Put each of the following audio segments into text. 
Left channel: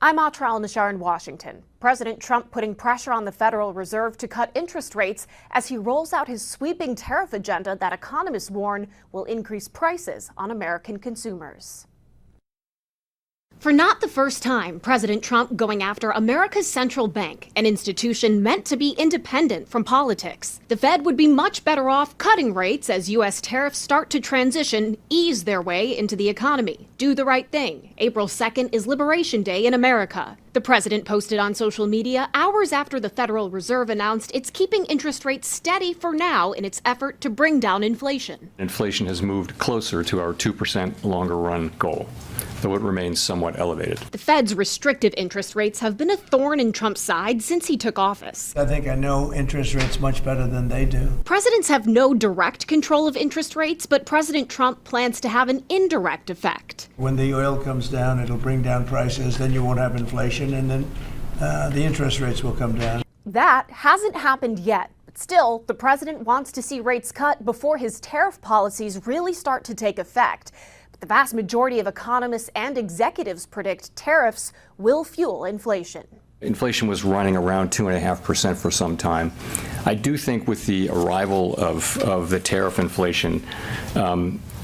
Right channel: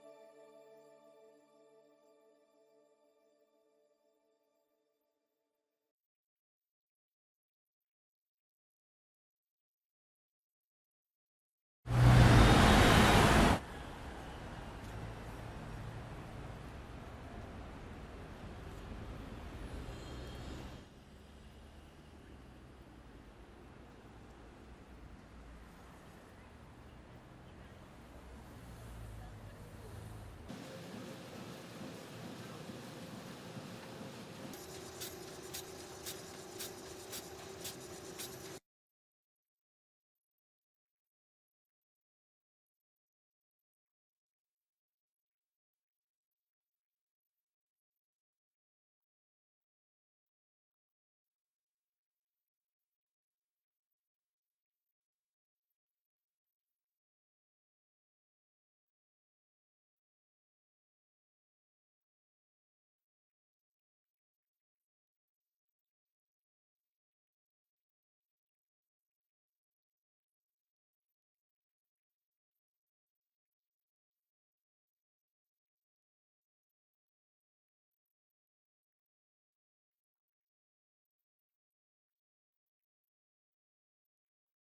I'm Atra Al-Nashar in Washington. President Trump putting pressure on the Federal Reserve to cut interest rates as he rolls out his sweeping tariff agenda that economists warn will increase prices on American consumers. For not the first time, President Trump going after America's central bank, an institution meant to be independent from politics. The Fed would be much better off cutting rates as U.S. tariffs start to ease their way into the economy. Do the right thing. April 2nd is Liberation Day in America. The president posted on social media hours after the Federal Reserve announced it's keeping interest rates steady for now in its effort to bring down inflation. Inflation has moved closer to our 2% longer run goal, though it remains somewhat elevated. The Fed's restrictive interest rates have been a thorn in Trump's side since he took office. I think I know interest rates much better than they do. Presidents have no direct control of interest rates, but President Trump plans to have an indirect effect. When the oil comes down, it'll bring down prices, then you won't have inflation, and then the interest rates will come down. That hasn't happened yet. But still, the president wants to see rates cut before his tariff policies really start to take effect. The vast majority of economists and executives predict tariffs will fuel inflation. Inflation was running around 2.5% for some time. I do think with the arrival of the tariff inflation,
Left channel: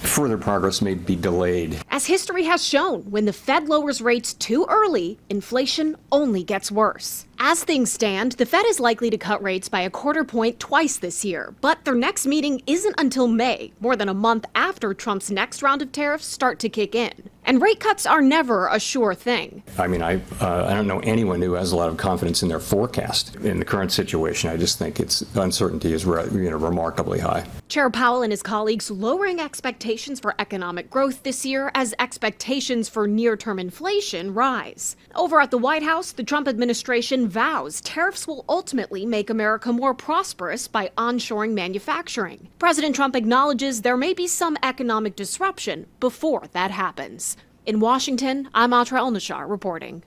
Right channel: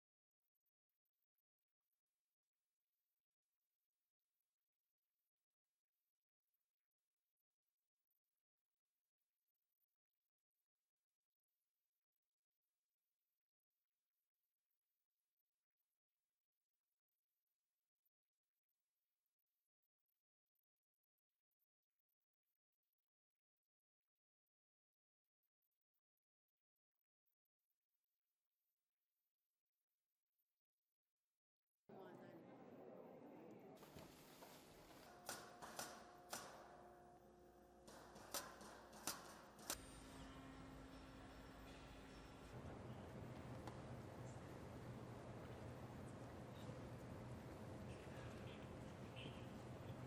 further progress may be delayed. As history has shown, when the Fed lowers rates too early, inflation only gets worse. As things stand, the Fed is likely to cut rates by 1/4 point twice this year, but their next meeting isn't until May, more than a month after Trump's next round of tariffs start to kick in. And rate cuts are never a sure thing. I mean, I don't know anyone who has a lot of confidence in their forecast. In the current situation, I just think its uncertainty is remarkably high. Chair Powell and his colleagues lowering expectations for economic growth this year as expectations for near-term inflation rise. Over at the White House, the Trump administration vows tariffs will ultimately make America more prosperous by onshoring manufacturing. President Trump acknowledges there may be some economic disruption before that happens. In Washington, I'm Atra Al-Nashar reporting.